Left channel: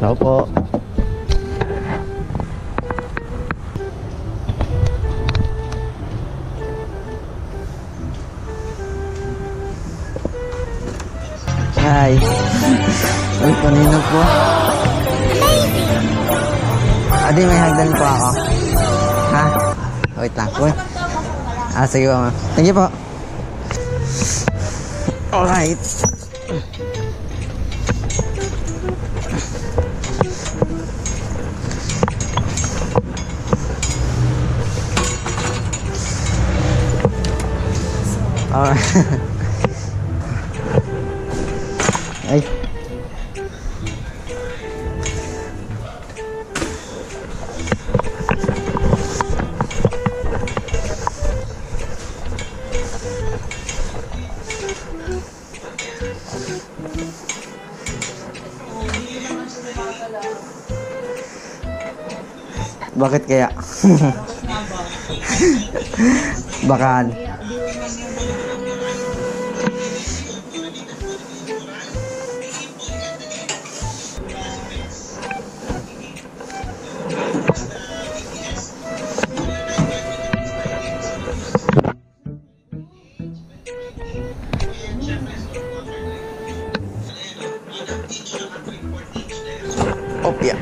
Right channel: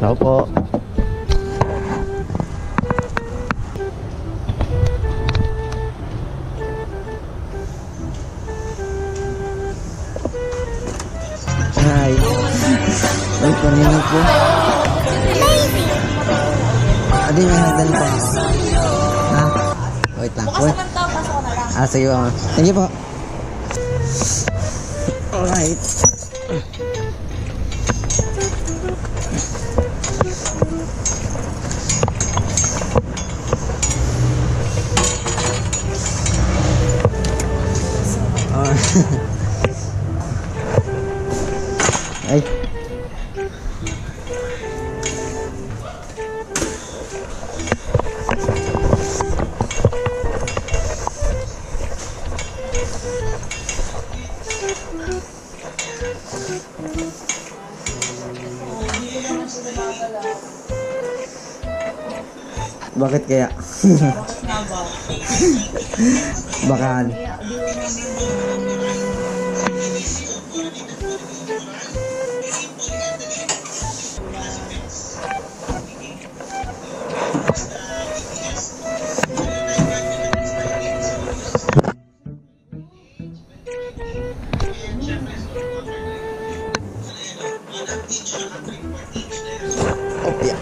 Tao po. Hi. Uy, kanina po. Adi, may hagdan po ako. Ha? Wait lang po. Sige po. Thank you po. Alright. Ay. Bakit kaya? Bakaan. Opya.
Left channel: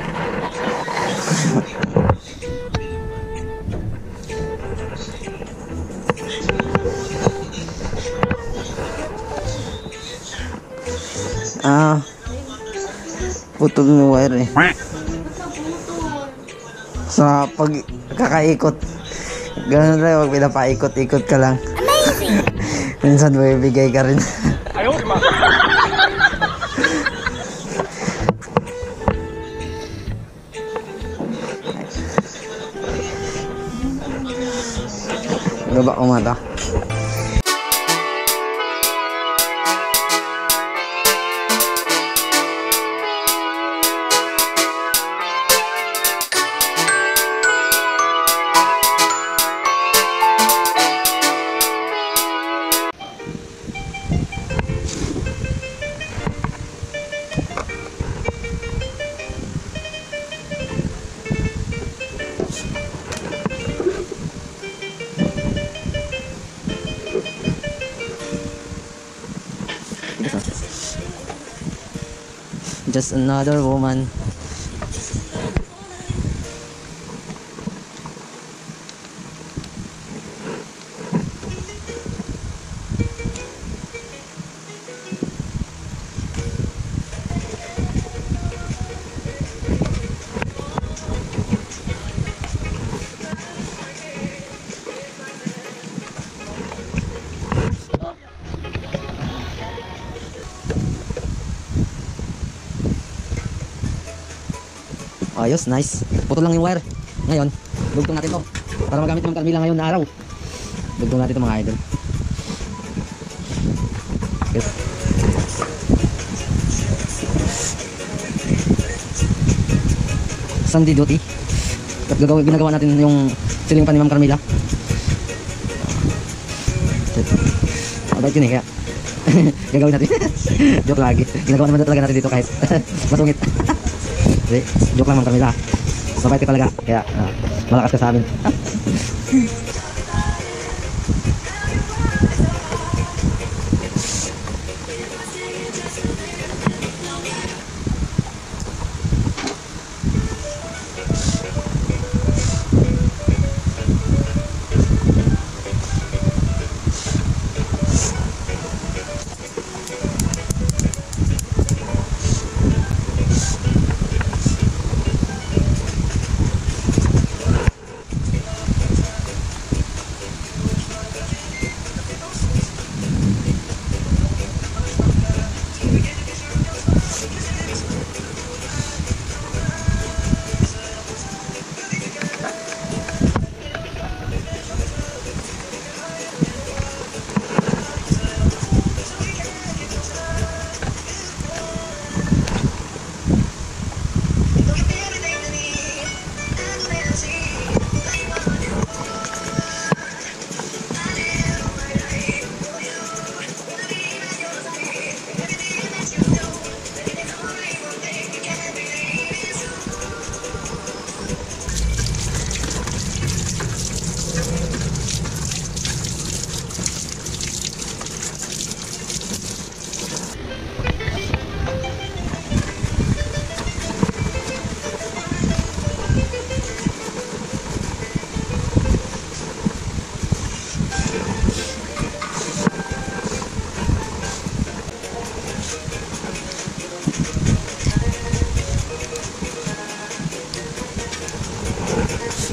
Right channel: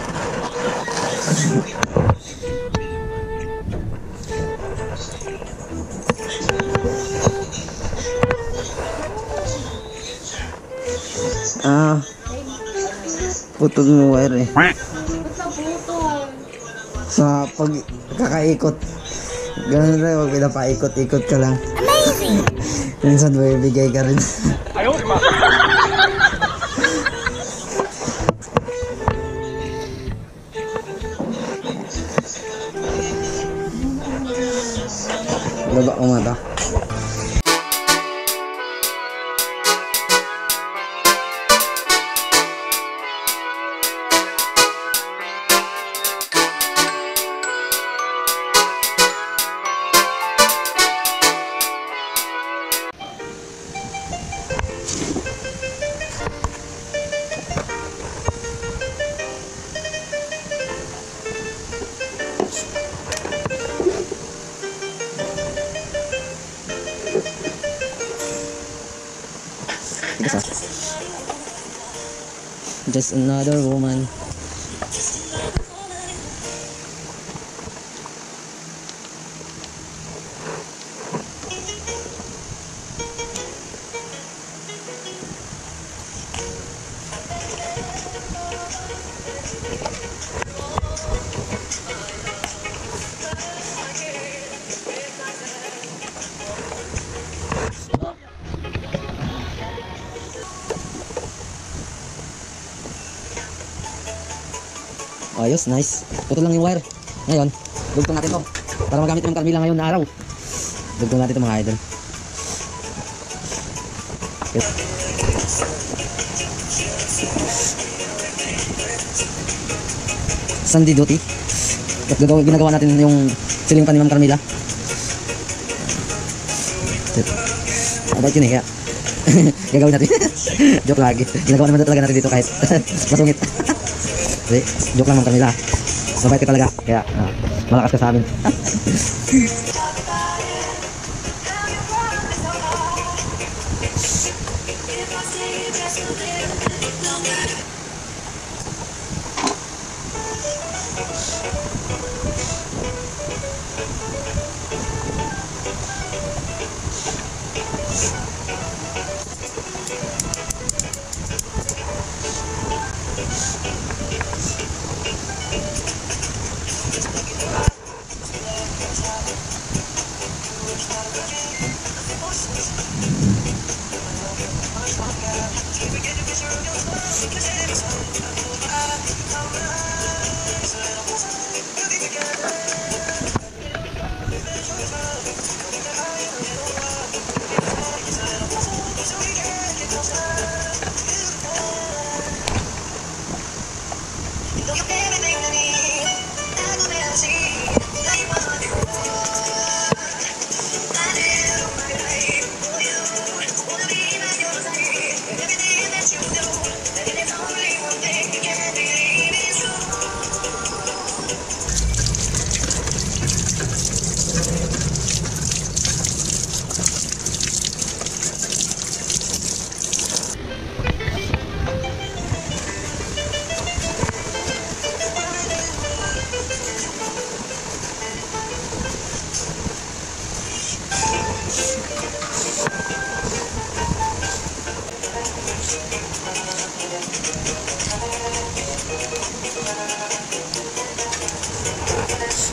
Putol ng wire eh. Sa pag kakaikot. Ganun rin, wag pinapaikot-ikot ka lang. Amazing! Minsan bibigay ka rin. Ayaw, diba? Baba ko mata. Just another woman. Ayos, nice. Putol lang yung wire. Ngayon, dugtong natin to para magamit ng Carmila ngayon na araw. Dugtong natin to mga idol. Okay. Sunday duty. At ginagawa natin yung siling pa ni Ma'am Carmila. About yun eh, kaya gagawin natin. Joke lagi. Ginagawa naman talaga natin dito kahit masungit. Jadi, joke lang Ma'am Carmila. Mabait ka talaga. Kaya, malakas ka sa amin.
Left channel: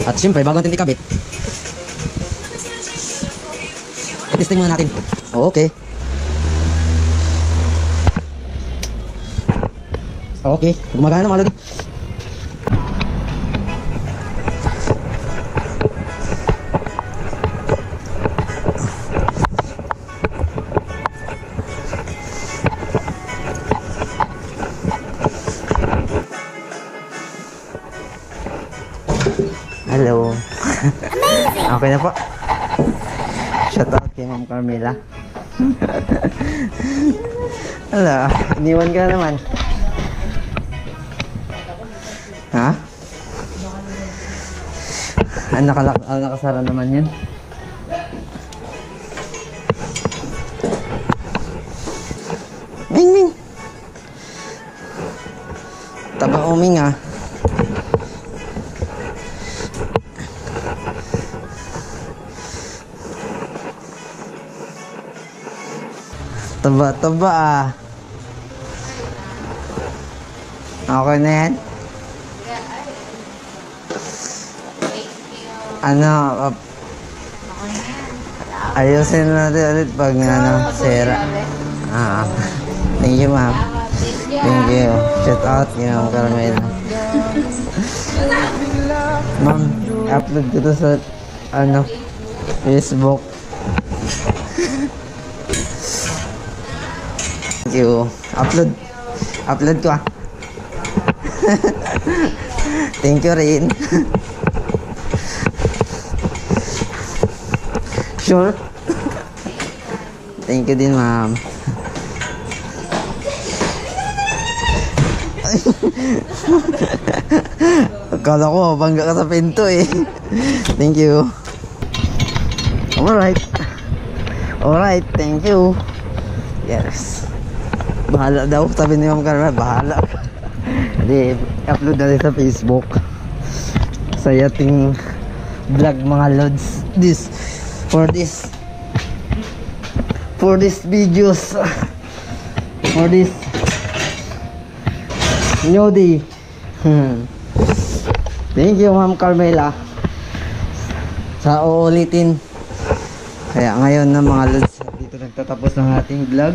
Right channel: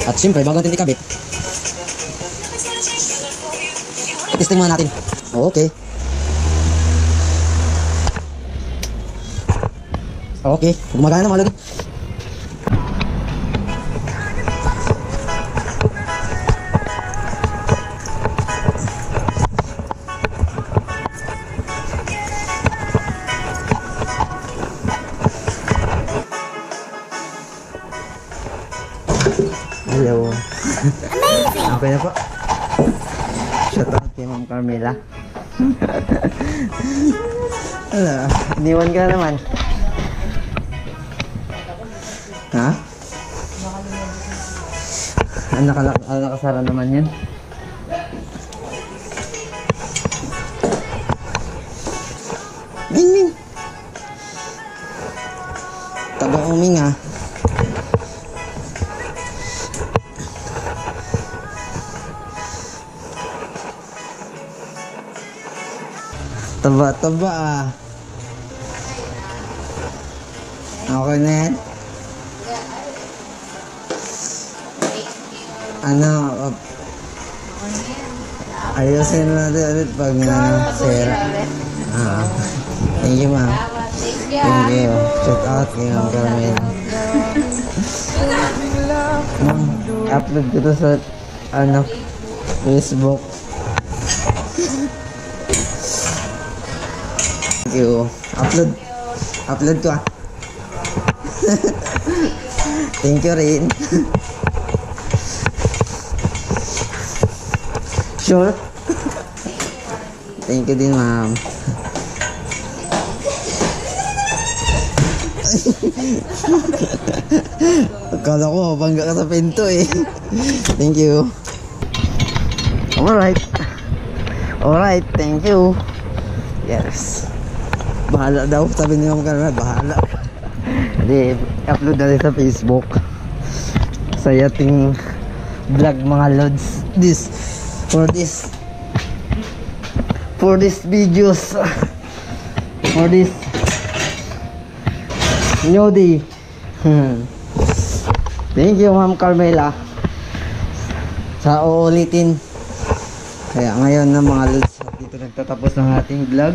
At syempre, bago natin ikabit, i-testing muna natin. Okay. Okay, gumagana na mga lodi. Hello. Amazing. Okay na po. Shout out kay Ma'am Carmela. Hala, iniwan ka na naman. Ha? Nakasara naman yan. Ming Ming. Taba uming ah. Taba ah. Okay na yan? Ano? Ayusin natin ulit pag sera. Thank you ma'am. Thank you. Shout out kay Ma'am Carmela. Ma'am, upload ko to sa Facebook. Thank you. Upload ko ah. Thank you rin. Sure? Thank you din ma'am. Akala ko bangga ka sa pinto eh. Thank you. Alright, thank you. Yes. Bahala daw, sabi ni Ma'am Carmela, bahala. Hindi, upload natin sa Facebook. Sa yating vlog mga lods. For videos. For this new day. Thank you Ma'am Carmela sa uulitin. Kaya ngayon na mga lods, dito nagtatapos ng ating vlog.